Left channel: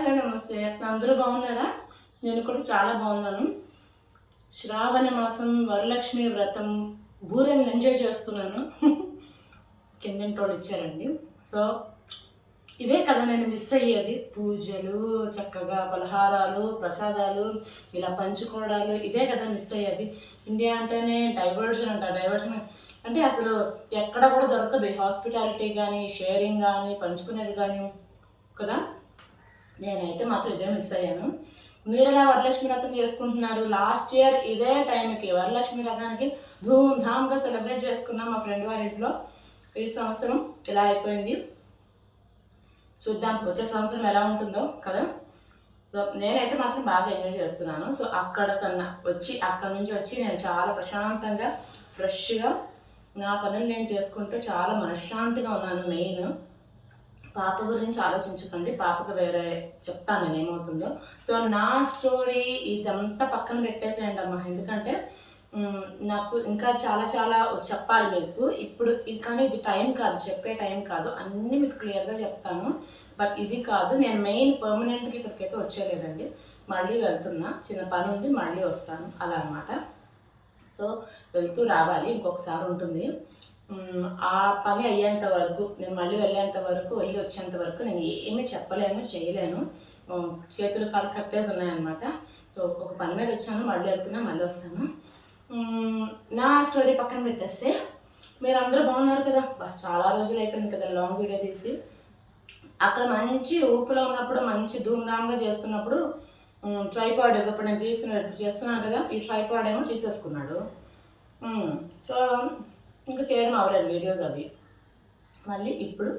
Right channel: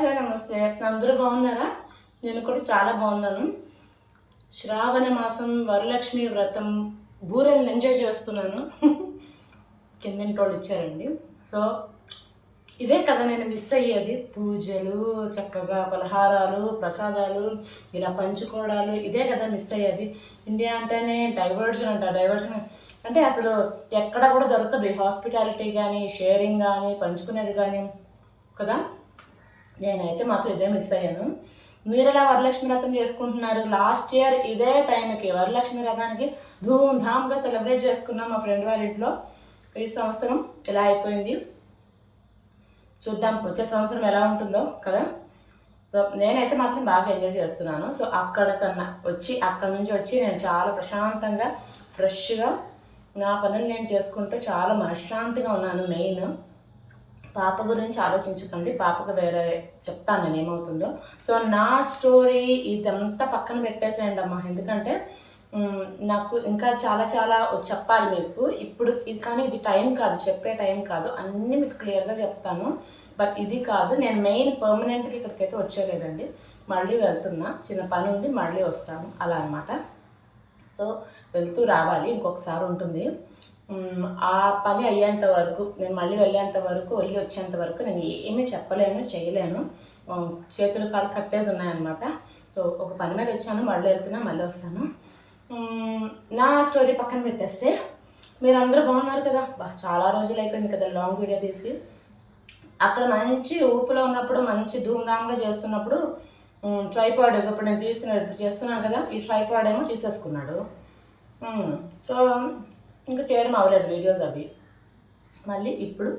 Hello నమస్తే. అందరూ బాగున్నారా? నేను కూడా చాలా బాగున్నాను. శ్రావణ మాసం వరలక్ష్మి వ్రతం బూరెల్ని ఎంజాయ్ చేస్తున్నాను. కిందింటోళ్ళు ఇచ్చారండి. సో ఇవే కదా నేను మిస్ అయ్యేది. పూజలు, చక్కగా పలహారాలు, ప్రసాదాలు ఇలా పంచుకోవడాలు, ఇదే కదా మిస్ అయ్యేది. ఇండియా అంటేనే డైవర్జన్ అంట. డైవర్జన్ అంటే అసలు ఎక్కడ కూడా దొరకదు. హాస్పిటాలిటీ కానీ, షేరింగ్ కానీ, పంచుకునేది కానీ కదా. నేనైతే మాత్రం ఇదే మిస్ అయ్యాను. మీరు ఎలా వరలక్ష్మి వ్రతం చేసుకుంటున్నారు? లాస్ట్ ఇయర్ ఇదే టైంకి వరలక్ష్మి వ్రతానికి ధూమ్ధామ్గా సెలబ్రేట్ చేసుకున్నాం మా ఫ్రెండ్ వాళ్ళ ఇంట్లో. ఈ సంవత్సరం ఎలా అయిపోయింది చూద్దాం, వచ్చే సంవత్సరం ఎలా ఉంటుందో కదా. సో నేనైతే మాత్రం బాగా ఎంజాయ్ చేస్తున్నాను. సో అక్కడ నుంచి వచ్చి నేను చాలా ప్రశాంతంగా ఫ్రెష్గా నా పనులు నేను చేసుకుంటూ చాలా మనశ్శాంతిగా ఉన్నాను. మెయిన్ పాప గురించి ఆలోచించకండి, పాపకు వేరే చెప్తాను నేను ఏమవుతుందో. సో నా స్టోరీ ఇదంతా పక్కన పెట్టేసేయండి అమ్మా, ఎందుకంటే నాకు ఇంకా చాలా చాలా చెప్పాలి మీకు ఇప్పుడు. కానీ ఇది టైం కాదు, చెప్పే టైం కాదు, అన్నీ మీకు క్లియర్గా చెప్తాను. బట్ ఇది కాదు, నేను మెయిన్ పర్మనెంట్గా ఇక్కడికైతే వచ్చేలేదండి. మళ్ళీ వెళ్తున్నా, చిన్న పని ఉంది, మళ్ళీ వస్తాను అలా అనమాట. సో వెళ్తూ రావాలి, ఇంకొకసారి ఉంటుంది. ఆ పని అయ్యేంత వరకు, నేను మళ్ళీ వెళ్ళేంత వరకు, వెళ్ళి వచ్చేంత వరకు నేను ఏమీ చెప్పలేను, చేయలేను. చేతులు కాళ్ళు కట్టేసి ఉన్నాయన్నమాట. సో ఒక పని మీద వచ్చాను, మళ్ళీ వెళ్తున్నా, మళ్ళీ వస్తాను. నా స్టోరీ పక్కన పెట్టేస్తే మీరందరూ బాగున్నారు కదా. చాలా రోజులు అయిపోయింది కదా లాంగ్ వీడియో తీసి. అక్కడ మంచి ఊపులో ఉన్నప్పుడు, మంచి ధూమ్ధామ్గా చేస్తున్నప్పుడు ట్రైపాడ్, ఇప్పుడు నేను ఇప్పుడు చేస్తున్నాను కదా, ఈ ట్రైపాడ్ ఏమో తీసేసుకున్నాడు. సో ఇంకా చేయడం అవ్వలేదు వీడియోస్ అవి. మళ్ళీ ఇప్పుడు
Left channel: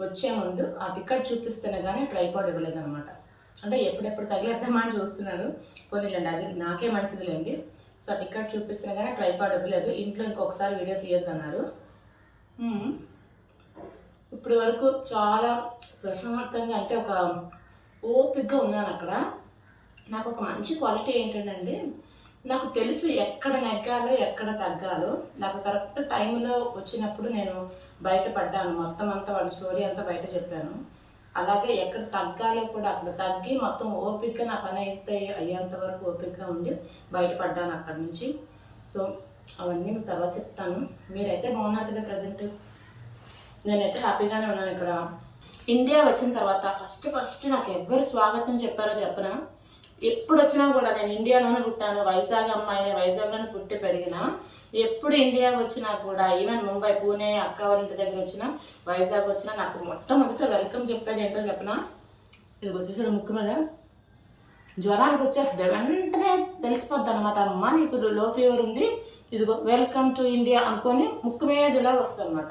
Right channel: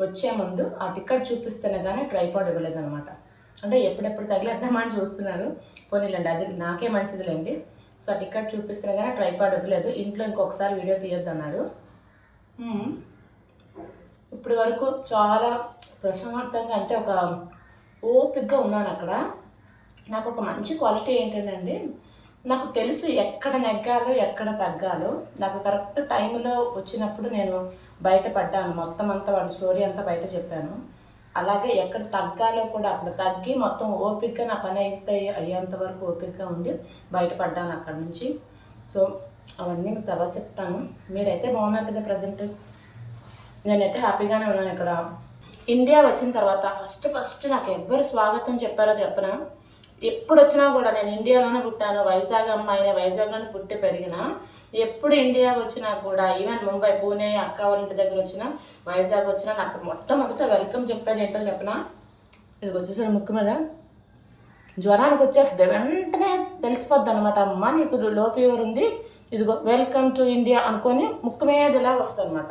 వచ్చే ముందు ఆ టికెట్ చూపిస్తేనే కానీ ట్రైపాడ్ ఇవ్వలేదన్నమాట. అంటే ఎప్పుడెప్పుడు తగిలేద్దామని చూస్తున్నారు. పోనీలేండి, అది నాకే మంచిదిలేండి. సో ఆ టికెట్ చూపిస్తేనే కానీ ట్రైపాడ్ ఇవ్వలేదు. ఇంట్లో ఇంకొకసారి వీడియో తీయొద్దన్నారు. ఇప్పటి వరకు చాలా ప్రశాంతంగా, అంటే ఒక ఓపికగా ఉన్నాను అక్కడ. నాకు ఒక మంచి క్వాలిటీ ఏంటంటే, నాకు తెలుసు ఎక్కడ నెగ్గాలో ఎక్కడ తగ్గాలో. నాకు కరెక్ట్ టైంలో వచ్చినప్పుడు నేను బయటపడ్డాను. మొత్తం అంతా వాళ్ళ స్టోరీ అంతా బయట చెప్పాను. అలాగే ఎక్కడ తగ్గాలో కూడా అక్కడ తగ్గి మొత్తం ఓపికగా నా పని అయ్యేంత వరకు ఓపికగా ఉండి బయటపడ్డాను అక్కడ నుంచి. సో అవన్నీ మీకు తర్వాత చెప్తాను. మీరైతే బాగున్నారు కదా ప్రజెంట్? నేనైతే హ్యాపీగానే ఉన్నాను ఇక్కడ. ఇండియా వచ్చిన తర్వాత ఫస్ట్ నాకు ఎవ్వరు స్వాగతం చెప్పారో చెప్పనా. ఎప్పుడు వచ్చినా కూడా, నేను ఇండియాలోనే పుట్టాను, వైజాగ్ అమ్మాయినే, వైజాగ్లోనే పుట్టి పెరిగిన. ఎప్పుడు ఇండియా వచ్చినా కూడా, ఈవెన్ ముంబై, పూణే, అక్క వాళ్ళ ఇంటి దగ్గర వచ్చినా, వైజాగ్ వచ్చినా, నాకు మొట్టమొదట వెల్కమ్ చెప్పేది ఏంటో చెప్పనా. ఇది వచ్చేసరి ముక్కు మీద జ్వరానికి వచ్చేస్తుంది, వెంటనే తెలిసిపోద్ది అనమాట. అమ్మ నీకు లో ఫీవర్ ఉంది, ఇదిగో వెల్కమ్ టు ఇండియా అనుకొని ముక్కు మీద ఇలా వస్తుంది అనమాట.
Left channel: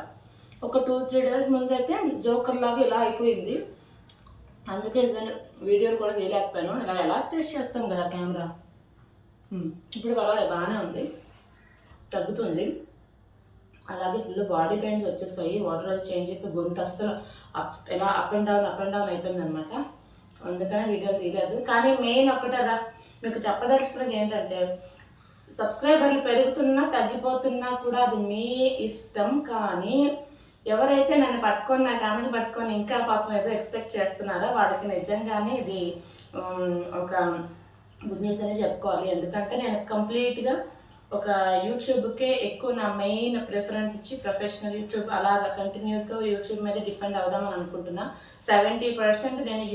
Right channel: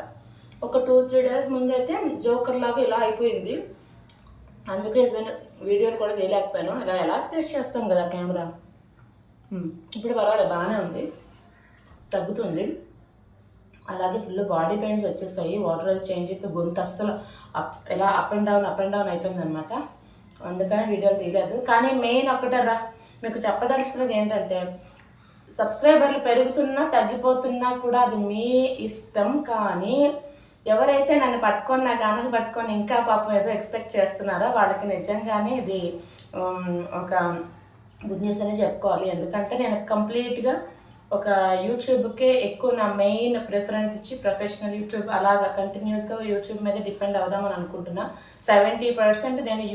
ఒక 2-3 డేస్ ముందు అయితే జోకర్ లాగా ఇలా అయిపోయింది. అందుకే వీడియోలు కూడా తీయలేకపోయాను. ఇలా ఎలా టెస్ట్ చేస్తాం కదా కెమెరా. ఇప్పుడు పర్వాలేదు, బాగానే ఉంది, తగ్గుతుంది. అలాగే ఫుల్ బాడీ పెయిన్స్ వచ్చేస్తాయి. వాటర్ అది చేంజ్ అయిపోయి గొంతు అస్సలు ఇలా అప్ అండ్ డౌన్ అయిపోయింది అనమాట. అందుకనే వీడియోలు తీయలేదు. కానీ మెయిన్ ఒకటరా మీకు చెప్పదలుచుకున్నది ఏంటంటే, సబ్స్క్రైబర్లు పెరుగుతున్నా తగ్గిపోతున్నా కూడా అది మీ ఇష్టం. కానీ ఎవరైతే నన్ను పట్టుకొని, నా ఛానల్ పట్టుకొని ఇంకా పాపం ఏదో ఎక్స్పెక్ట్ చేస్తున్నారో వాళ్ళకి నిజంగానే ఇది ఒక గుడ్ న్యూస్ అనే చెప్పుకోవాలి. ఎందుకంటే నేను కంప్లీట్గా ఒక యూట్యూబ్కే ఎక్కువ నా మెయిన్ ప్రిఫరెన్స్ ఇచ్చి, ప్రొఫెషనల్ యూట్యూబ్ అలాగా కంటిన్యూస్గా యూట్యూబ్ మీద డిపెండ్ అవుదామని అనుకుంటున్నా. 70% నేను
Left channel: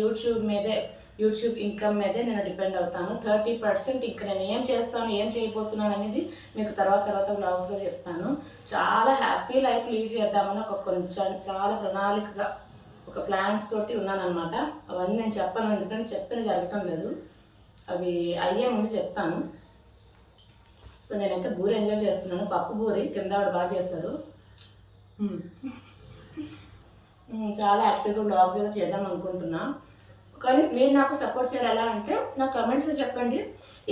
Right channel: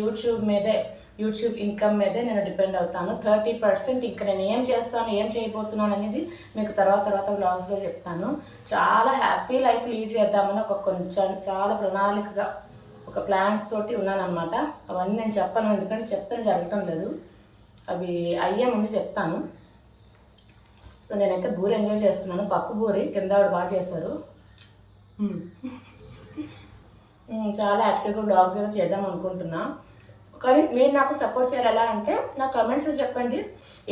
యూట్యూబ్ ఇన్కమ్ మీదే నేను డిపెండ్ అవుతాను. 30% ఇంకా నేను ఏం చేస్తాను, ఏం చేయబోతున్నాను అనేది మీకు తర్వాత వ్లాగ్స్లో చెప్తాను. చాలా హ్యాపీ లైఫ్ లీడ్ చేద్దామని చాలా ప్రణాళికగా ఒక ప్లాన్స్ తోటి ఉన్నానన్నమాట. అవన్నీ నేను చెప్పను, ఎందుకంటే చెప్తాను జరగటం లేదు. అవి అయ్యే ముందు చెప్తాను. సో నేనైతే బూరి ఎంజాయ్ చేస్తున్నాను. పప్పు బూరి కింద ఆవిడ బాగా చేశారు. చాలా యాక్టివ్గా వ్లాగ్స్ ఏదో చేద్దాం అనుకుంటున్నా. కానీ మీరు నాకు సపోర్ట్ చేయాలి. ఎలా అంటే నా కమెంట్స్లో చెప్పండి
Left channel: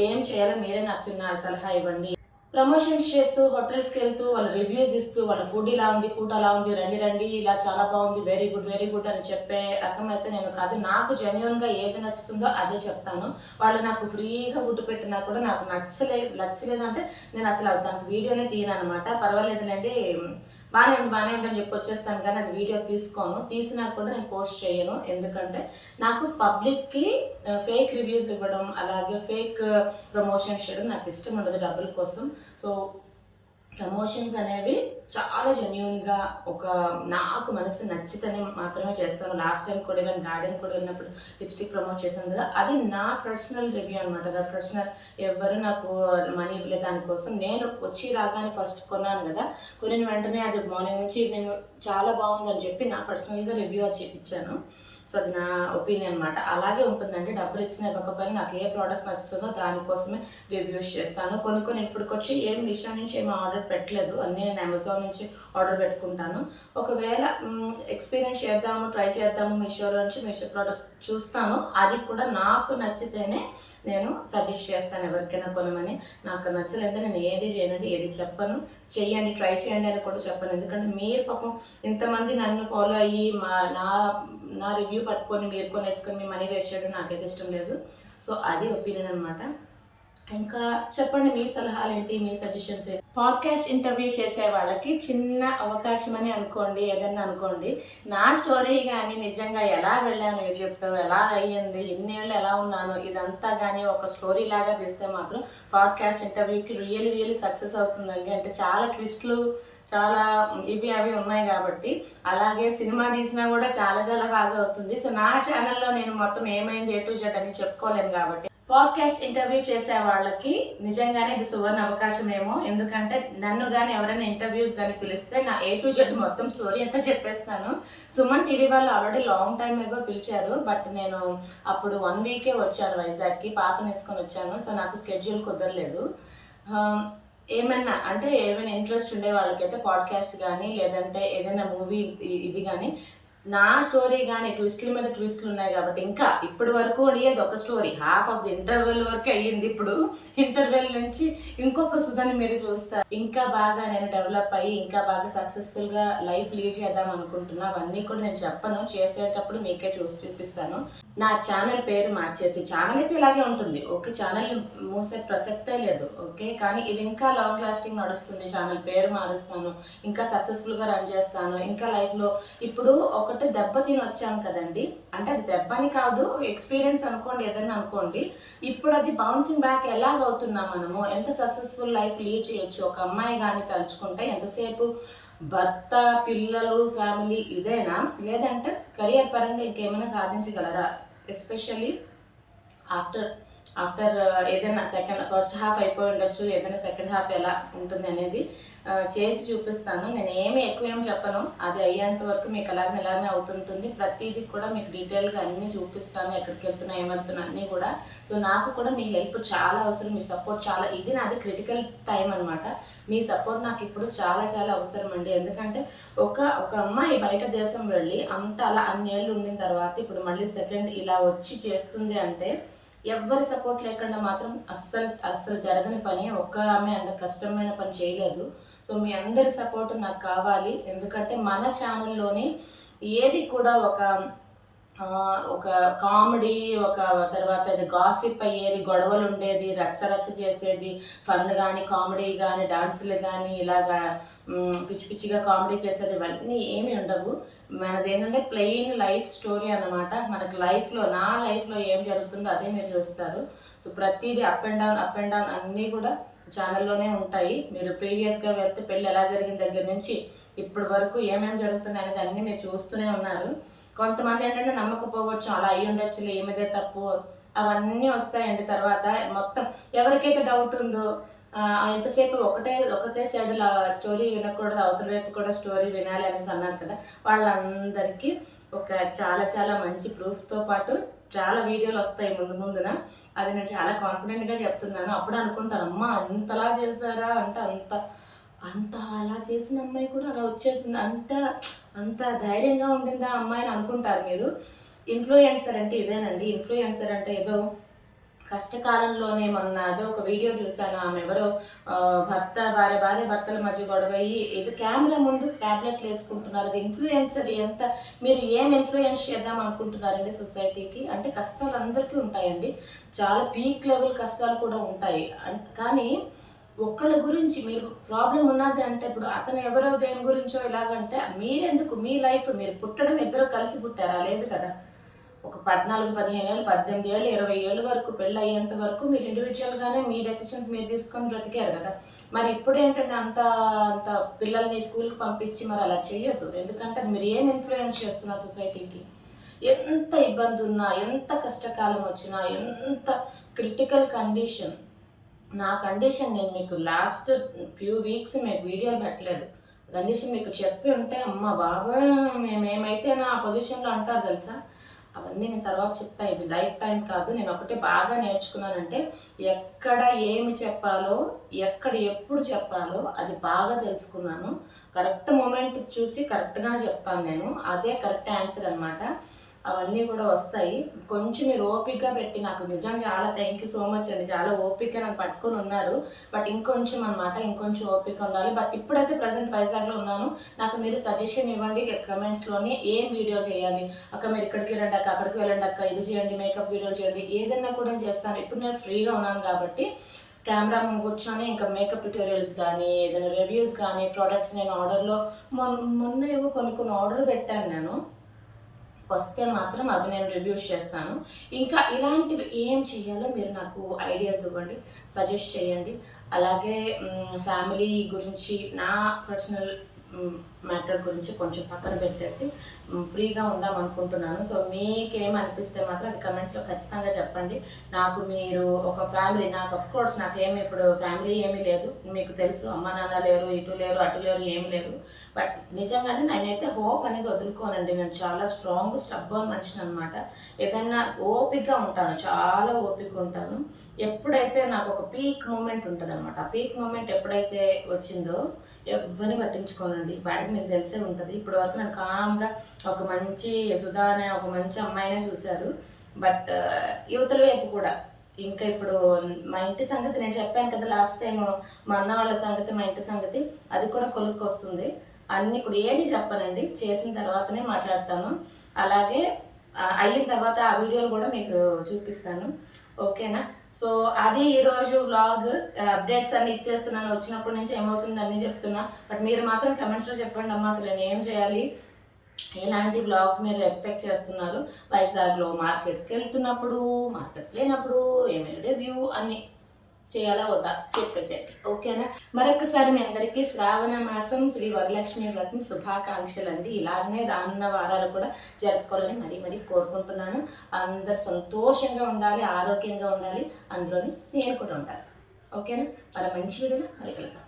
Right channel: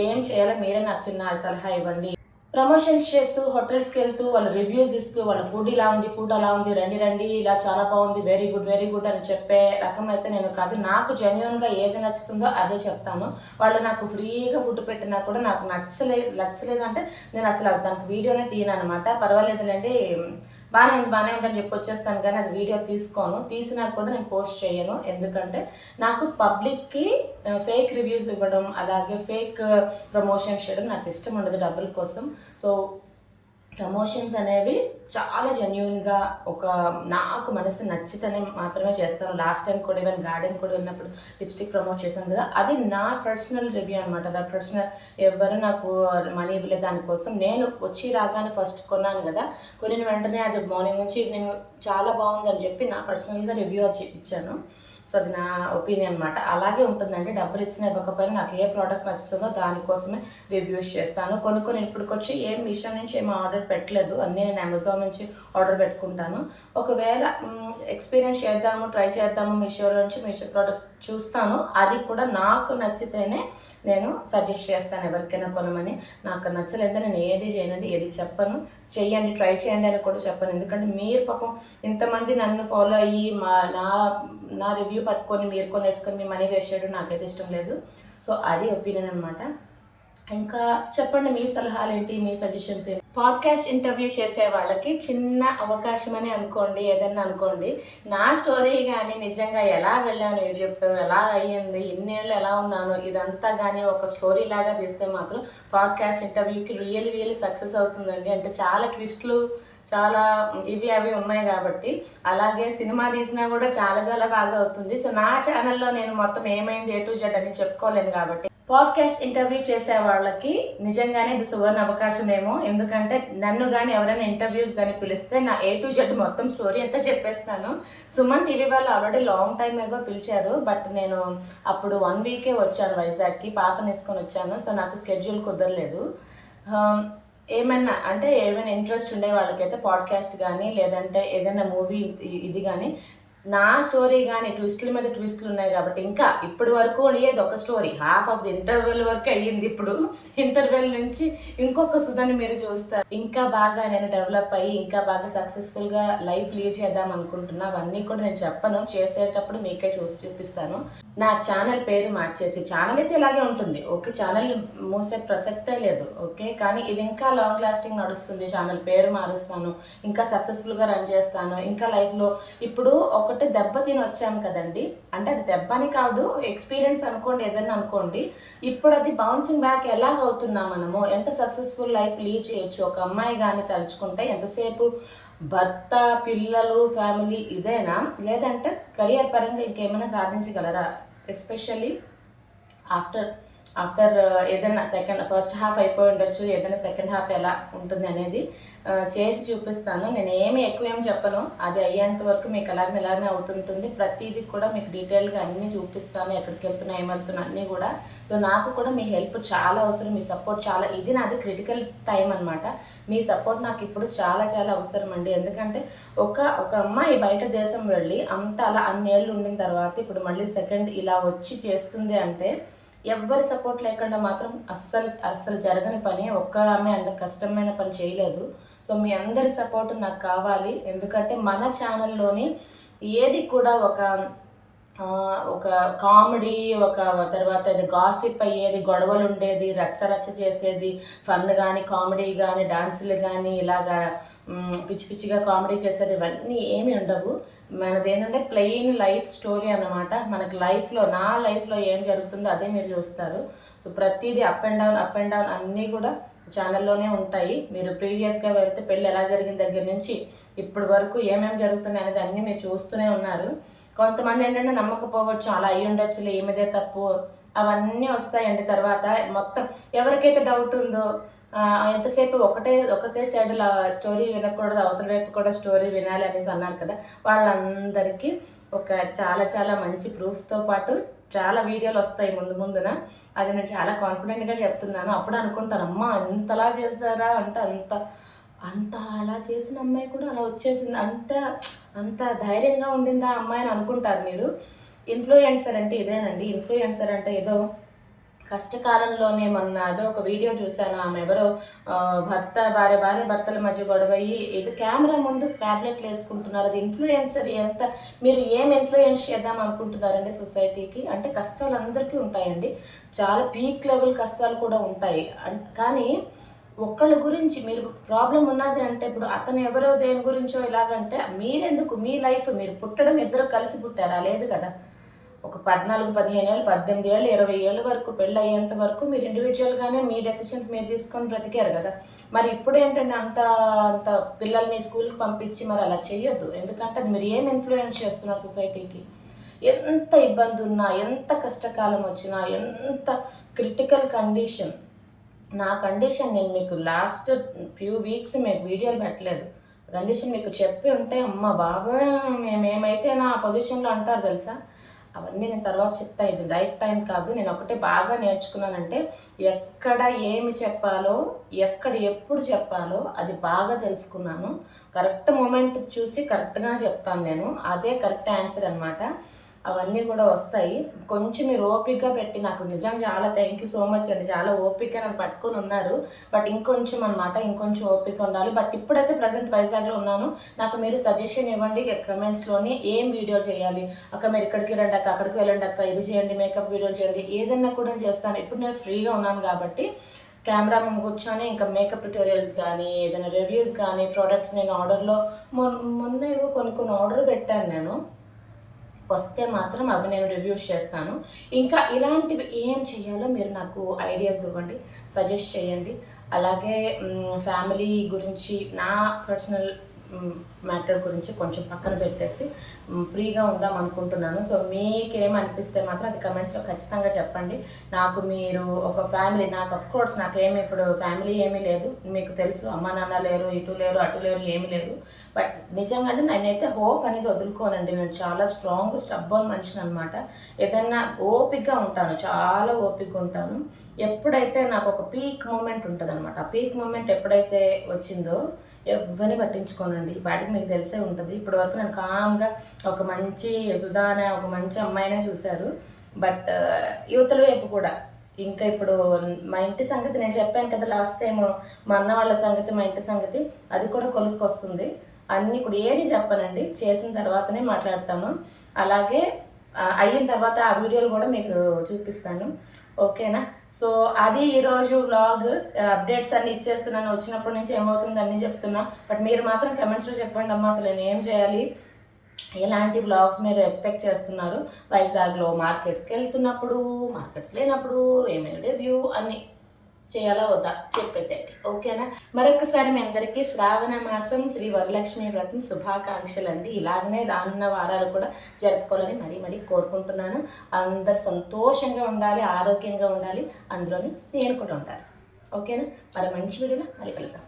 ఏం చేయాలో, మీరే నాకు చిన్న సలహా ఇవ్వండి. ప్రమోషన్స్ చేస్తూ, హోటల్స్కి వెళ్తూ, వాళ్ళ రివ్యూస్ ఇస్తూ, వాళ్ళ ఫుడ్ ఇలా ఉంది, ఫుడ్ అలా ఉంది, రండి ఇలా చాలా బాగుంది, వెరీ గుడ్ అని చెప్పే రకం అయితే నేను కాదు. నాకు జెన్యున్గా ఏది నచ్చుతుందో అదే చెప్తాను. వాళ్ళు నాకు ఫ్రీగా ఫుడ్ పెట్టినా కూడా నాకు నచ్చలేదు అంటే నేను అసలు దానికి వీడియోనే తీయను అనమాట. పర్వాలేదులేండి, బాగానే ఉందని చెప్పి వచ్చేస్తాను, కానీ అది వీడియో తీసినా కూడా నేను పోస్ట్ చేయను. ఎందుకంటే నాకు పబ్లిక్కి ఫేక్ రివ్యూస్ ఇవ్వడం, అలాగే ఫేక్ ప్రమోషన్స్ చేయడం నాకు ఇష్టం ఉండదు డబ్బుల కోసం. సో ప్రమోషన్స్ అనేవి చాలా జెన్యూన్గా నాకు మనసు నచ్చితేనే మాత్రమే చేస్తాను. లాస్ట్ టైం కూడా ఈవెన్ గార్డెన్ కూడా వెళ్ళినప్పుడు లిప్స్టిక్ ప్రమోట్ చేశాను కదా, అది నా పర్సనల్ రివ్యూ అనమాట. నా పర్సనల్, ఎవరు నాకు మనీ ఇవ్వలేదు దానికోసం. నేను వచ్చి రాగానే ఫస్ట్ కొన్నాను కదా, కొనిన వెంటనే అది మార్నింగ్ నుంచి ఈవినింగ్ చాలా బాగుందని చెప్పి నా పర్సనల్గా రివ్యూ ఇచ్చాను. సో అది నా ఒపీనియన్ అనమాట. అలాగే ఉంటుందండి, డబ్బులు ఇచ్చినా ఇవ్వకపోయినా నాకు ఏ ప్రోడక్ట్ నచ్చుతుందో దానికోసమే రివ్యూస్ చేస్తాను. కొన్ని ఇప్పటికొచ్చి ఏం మీషో నుంచి ఏం ఆర్డర్ పెట్టలేదు, అన్నీ నేను అమెజాన్ నుంచి ఆర్డర్ పెట్టుకుంటాను. ఒకవేళ ఎక్స్పీరియన్స్ ట్రై చేద్దాము మీషో ప్రోడక్ట్ చూస్తాను, అది కూడా నాకు నచ్చితేనే నేను సజెస్ట్ చేస్తాను ఎవరికైనా కొనమని. నాకు నచ్చలేదంటే నేను ఏది చేయనండి, ఏది చెప్పను. చెయ్యండి, ట్రై చేయండి అని కూడా చెప్పను. ఎందుకంటే మీరు పాపం ఇంతమంది నన్ను ఫాలో అయ్యి నా రివ్యూ పట్టుకొని మీరు కొనేసుకొని మీ మనీ వేస్ట్ చేయడం నాకైతే ఇష్టం లేదు. సో అది ఒపీనియన్ అనమాట. ఇంకా చెప్పండి, మీ సలహాలు ఏంటి, మీ సజెషన్స్ ఏంటి? పాడ్కాస్ట్ ఇంటర్వ్యూ చేసే వాళ్ళకి చిన్న అవకాశం అని అనుకోండి, ఏదన్నా అనుకోండి. నా స్టోరీ కానీ నిజంగా ఎలా వెళ్ళాను ఈజిప్ట్, ఎలా అయ్యింది, ఇన్నేళ్ళు ఎలా ఉన్నాను, ఇదంతా కానీ ఒక స్టోరీ లాగా తీస్తే మాత్రం పాడ్కాస్ట్ ఇంటర్వ్యూకి రియల్లీ సక్సెస్ అవుతుందండి. అంటే చాలా ట్విస్ట్లు, చాలా అవి ఉన్నాయి కాబట్టి. అలాగే సినిమా తీసినా కూడా చాలా బాగా అవుతుంది. సో నా ఛానల్లో నేను మొత్తం ఏమైంది A to Z అని చెప్పుకోలేను కాబట్టి పాడ్కాస్ట్ ఇంటర్వ్యూ చేసే వాళ్ళకి నిజంగానే ఇది సువర్ణ అవకాశమేమో. ఎందుకంటే నన్ను కానీ ఎవరైనా ఇంటర్వ్యూస్ కానీ పిలిస్తే నా A to Z మొత్తం స్టోరీ అంతా చెప్పేస్తాను. సుమన్ టీవీ వాళ్ళు ఆల్రెడీ లాంగ్ టైం ఏగో పిలిచారు, బట్ నేను అప్పుడు 1 వీకే వచ్చాను వైజాగ్కి, పాపని వేసుకొని వచ్చాను. సో నాకు స్కెడ్యూల్ కుదరలేదు. ఏమైనా ఇంట్రెస్ట్ ఉండే వాళ్ళకైతే పాడ్కాస్ట్ కానీ లేదంటే ఏదైనా మూవీ ఇది కానీ, నా స్టోరీ కానీ ట్విస్ట్ల మీద ట్విస్ట్లు ఉన్నాయి కాబట్టి ఇంకా ఇప్పటి వరకు అయ్యేది ఒక story, half of the interval వరకు అయ్యింది. ఇప్పుడు ఇంటర్వెల్ నుంచి ఇంకొక సుధాని మీరు చూస్తారు. ఇంకా బాగా నేను డెవలప్ అయ్యి ఇంకా బాగా సక్సెస్ఫుల్గా లైఫ్ లీడ్ చేద్దాం అనుకుంటున్నా. అవన్నీ కూడా నేను చెప్పను, చేసేటప్పుడు మీకే చూపిస్తాను. నా ఛానల్ పేరు మార్చేసి, ఛానల్ అయితే ఇలాగే ఉంటుంది ఓకే, ఛానల్ మూసే ప్రసక్తే లేదు ఓకే, కానీ ఇది ఇంకా లాంగ్ లాస్టింగ్ నడుస్తుంది. ఛానల్ పేరు మారుస్తాను, ఇంకా సక్సెస్ఫుల్గా రన్ చేస్తాను. ఇంకా లైఫ్లో ఇప్పుడు ఒకటి దెబ్బ తిని వచ్చాం కదండి, అంటే అది దెబ్బని కాదు, ఎక్స్పీరియన్స్ అనుకోండి, ఏదన్నా అనుకోండి. ఇప్పుడు అది బౌన్సింగ్ బ్యాక్ ఎలాగవుతున్నాం మనము, ఎంత సక్సెస్ఫుల్ లైఫ్ లీడ్ చేయొచ్చు. ఒక అమ్మాయి కానీ తలుచుకుంటే ఎంతసేపు భర్త, పిల్లలు, ఫ్యామిలీ ఇదేనా, లేదంటే కెరియర్ పరంగా ఇంకేమైనా సాధించగలరా? ఎస్పెషల్లీ ఆఫ్టర్ ఏదైనా ఫస్ట్ హాఫ్ అయిపోయి ఉండొచ్చు, ఏదైనా సెకండ్ హాఫ్ ఎలా ఉంటుంది అనేది చేసి చూపిస్తాను. నేను ఎక్కువ చెప్పను, అది అయ్యేంత వరకు మీకు ఎలాగనే అవుతుంటుంది. ప్రతిదీ కూడా మీకు డీటెయిల్గా అన్నీ చూపిస్తాను, ఎక్కడికి వెళ్తున్నా, ఏమవుతున్నా అన్నీ కూడా. సో నాకు కూడా మీ హెల్ప్ చాలా అవసరం, మీ సపోర్ట్ చాలా, ఇది నాది క్రిటికల్ టైం అనమాట. మీ సపోర్ట్ నాకు ఇప్పుడు చాలా అవసరం అండి. ఎందుకంటే ఒక అమ్మాయి బయట దేశం వెళ్ళి అలా అన్నేళ్ళు ఉండిన తర్వాత ఇప్పుడు మళ్ళీ సెకండ్ ఇలా వచ్చి చేస్తుంది అంటే ఎవ్వరి సపోర్ట్ లేకుండా మాత్రం అస్సలు జరగని పని. ఆమె అంత కష్టమైన పని చేయలేదు. సో మీ అందరి సపోర్ట్ నాకు కావాలి. ఎందుకంటే మన ఛానల్లోని ఏది కూడా ఒక కామెడీ, తర్వాత ఇది గాసిప్ అయ్యేది, గొడవలు ఉండేది, రచ్చ చేసేది, ఫన్ కానీ కామెడీ కానీ డాన్సులు కానీ ఇలాగా పిచ్చిగా కామెడీ చేసేది, ఇవన్నీ ఏమి ఉండవు. మనది ఏంటంటే ప్లెయిన్ లైఫ్ స్టోరీ అన్నమాట. మనకి నా లైఫ్లో ఏం జరుగుతుందో అదే మీరు చూస్తారు. సో ప్రతిదీ అప్ అండ్ డౌన్ అన్నీ కూడా ఛానల్లోనే ఉంటాయి. మీరు ప్రీవియస్గా వెళ్తే పెళ్ళి ఎలా జరిగిన దగ్గర నుంచి ఇప్పటి వరకు ఏమేమి జరుగుతున్నాయి అనేది అన్నీ మీరు చూస్తూనే ఉన్నారు. కొంతమంది ఏంటంటే నమ్మకపోవచ్చు, అలా అయ్యి ఉండొచ్చులే, ఏమిదే తప్పు, అవన్నీ వస్తాయండి. తర్వాత మొత్తం ఎవరికైతే డౌట్ ఉందో, ఎంతసేపు ఒకటే సైడ్ స్టోరీ వినకూడదు, అవతల వైపు కూడా స్టోరీ వినాలి అనేసి అన్నారు కదా, వాళ్ళందరికీ చాలా మంచి ప్రూఫ్తో పాటు చాలా వీడియోలు వస్తాయి ముందున. అది నేను చాలా కాన్ఫిడెంట్గా చెప్తున్నాను. అప్పుడు అనుకుంటారు, అమ్మ అంతలా చేశారా అంటే అంత అలా చేసిన అమ్మాయి కూడా అలా వచ్చేసింది, అంత ధైర్యంగా ఉండిందా అమ్మాయిని అనుకుంటారు మీరు. ఇన్ఫ్లుయెన్సర్ అంటే ఇదేనండి. ఇన్ఫ్లుయెన్సర్ అంటే ఏదో కష్టకాలంలోనే ఏదో ఒక వీడియో చూశాను. ఆమె ఎవరో భార్య భర్తల మధ్య గొడవయ్యి ఏదో కెమెరా ముందు ట్యాబ్లెట్లు వేసుకుంటున్నారు. అది ఇన్ఫ్లుయెన్సర్. మీరు ఏం ఇన్ఫ్లుయెన్స్ చేద్దాం అనుకుంటున్నారండి సొసైటీకి? అంటే కష్టాలు అందరికీ ఉంటాయండి, చాలా పీక్ లెవెల్ కష్టాలు కూడా ఉంటాయి. కానీ ఒకళ్ళ గురించి మీరు ప్రాబ్లం ఉన్నది అంటే ఇప్పుడు అతను ఎవరో దేని గురించో ఇలాగంటే మీరెందుకు మీ లైఫ్ మీరు పుట్టడం ఇద్దరు కలిసి పుట్టారా? లేదు కదా. ఒక 14, 15 ఏళ్ళు, 18 ఏళ్ళు, 20 ఏళ్ళ వరకు పెళ్ళి అయ్యేంత వరకు మీరు ఇండివిజువల్గానే మీ డెసిషన్స్ మీరు తీసుకొని బ్రతికారు కదా. మరి ఇప్పుడు ఏంటంటే అంత అంత పిల్లల్ని స్కూల్కి పంపించి మరి అలా చేయొద్దు. ఎందుకంటే అది మీరు ఏం ఇన్ఫ్లుయెన్స్ చేస్తున్నారు సొసైటీకి. ఎంత ఇబ్బంది ఉన్నా, ఎంత కష్టకాలం వచ్చినా, ఎంత క్రిటికల్ కండిషన్, నా కండిషన్ నేను మీకు లాస్ట్ ఫ్యూ వీక్స్ మీకు వీడియోలు పెట్టలేదు. కండిషన్ మీకు చెప్పి ఉంటే అమ్మ బాబాయ్ మేమేమైతే నా పొజిషన్లో అంటారు తెలుసా. అవన్నీ నేను తర్వాత చెప్తాను. ఇది రైట్ టైం కాదు. నేను ఒకటే బాగా నేర్చుకున్నానంటే ఎక్కడ ఏమి చెప్పాలో, ఎక్కడ ఎప్పుడు చెప్పాలో అది బాగా తెలుసుకున్నాను. కరెక్ట్ మూమెంట్ చూసి కరెక్ట్గా చెప్తాను నేను. అదే కరెక్ట్ ఆన్సర్ అనమాట. అవన్నీ కూడా వస్తాయి. కొంచెం మీరు ఓపికగా పెట్టి నాకు నిజంగా చాలా థ్యాంక్ యూ సో మచ్ అండి. చాలా ఓపిక నన్ను పట్టుకొని ఉన్నారు. బట్ ఇంకొంచెం అనమాట, ఇంకొంచెం ఓపిక ఉండాలి. బట్ ఇప్పుడైతే ప్రజెంట్ వైజాగ్లో ఉన్నాను. నాకు మీరు సజెషన్ ఇవ్వండి కమెంట్స్లోని ఏం వీడియో చేయాలి. అక్క మీరు ఇక్కడికి రండి అక్క, అక్కడికి వెళ్ళండి అక్క, ఇది చేయండి, మేకప్ వీడియోలు చేయండి, ఏదైనా కూడా చేస్తాను. ఇప్పుడు నేను ఫ్రీగా ఉన్నాను కాబట్టి కెమెరా ముందు కూర్చొని ఇంకా మేకప్ ట్యూటోరియల్స్ కానీ, ఏదైనా రివ్యూస్ కానీ, ప్రోడక్ట్స్ నేను ఆర్డర్లో మొన్న ఏవో కొన్ని ఆర్డర్ పెట్టాను నేను. వస్తే మాత్రం అవి నేను రివ్యూస్ చేస్తాను. ఇంకా ఇలాంటివి ఏం చేయాలో మీరు నాకు ఐడియాస్ ఇవ్వండి, సజెస్ట్ చేయండి. అలాగే ఫ్యామిలీ గురించి, నా పర్సనల్ మ్యాటర్ గురించి కొంచెం పక్కన పెట్టేసి ఫ్రీగా ఉందాం అనుకుంటున్నాను. సో మీకేమనిపిస్తే మాత్రం అది కమెంట్స్లో ఖచ్చితంగా చెప్పండి. నాకు మీరు ఒక ఫ్యామిలీ, నాకు అఫ్కోర్స్ నాకేమి ఇప్పుడు ఫ్యామిలీ ఏమీ లేదు, మీకు తెలుసు. అమ్మ నాన్న లేరు, ఇటు లేరు, అటు లేరు, ఏమీ లేరు. బట్ నిజంగా నేనైతే హోప్ అనేది వదులుకోనండి. నేను చాలా స్ట్రాంగ్ స్టబ్బర్న్ మనిషిని అనమాట. ఏదైనా ఓపికగా ఉంటాను, చాలా ఓపిక ఉంటాను. ఎప్పుడైతే నాకు ఒక పీక్ మూమెంట్ ఉంటుంది అనమాట, ఆ పీక్ మూమెంట్ ఎప్పుడైతే వచ్చిందో ఎవరిని పట్టించుకోనండి. వాటికి మీకు తెలిసే ఉంటుంది. ఇప్పటి వరకు నేను కామ్గా ఒక మంచి సుధానే, ఒక మంచి అమ్మాయినే చూశారు. బట్ యువతల వైపు కూడా ఇంకా ఇప్పుడు మా ఇంటి సంగతి నేను చెప్పాను కదా లాస్ట్ టైం, మా అన్న వాళ్ళ సంగతి, మా ఇంటి సంగతి, అది కూడా కొలుక్కి వస్తుంది. అన్నీ కూడా ఏది చెప్పనండి, చేసిన తర్వాతనే మాట్లాడతాను. అలాగే అయిన తర్వాత ఆ వీడియోలు కూడా మీకు చూపిస్తాను. ఓకేనా. సో అది ఈరోజు వ్లాగ్. అప్డేట్స్ అన్నీ ఇచ్చేస్తున్నాను. వచ్చినప్పటి నుంచి ఏమవుతుంది అన్నీ చెప్తున్నా. బట్ మీరు మాత్రం కమెంట్స్లో చెప్పండి అమ్మా, అసలు నేను ఏం చేయాలి, ఎలాంటి వ్లాగ్స్ మీరు ఎక్స్పెక్ట్ చేస్తున్నారు. వైజాగ్లో మార్కెట్స్కి వెళ్తున్నప్పుడు, మార్కెట్స్ లేనప్పుడు ఏమైనా రివ్యూ అన్నీ చేయాలా వద్దా చెప్పేసేయండి. ఓకేనా. మరొకసారి మీ అందరికీ శ్రావణ మాసం శ్రీ వరలక్ష్మి వ్రతం శుభాకాంక్షలు అండి. ఇలాగనే రానున్న వారాలు కూడా జరుపుకోవాలని మరీ కోరుకుంటున్నాను. అందరు సంతోషంగా ఉండాలి, ఆరోగ్యంగా ఉండాలి, అందులోని నేను కూడా ఉండాలి. ఓకేనా. మరి మంచి వీడియోలో మళ్ళీ కలుద్దాం.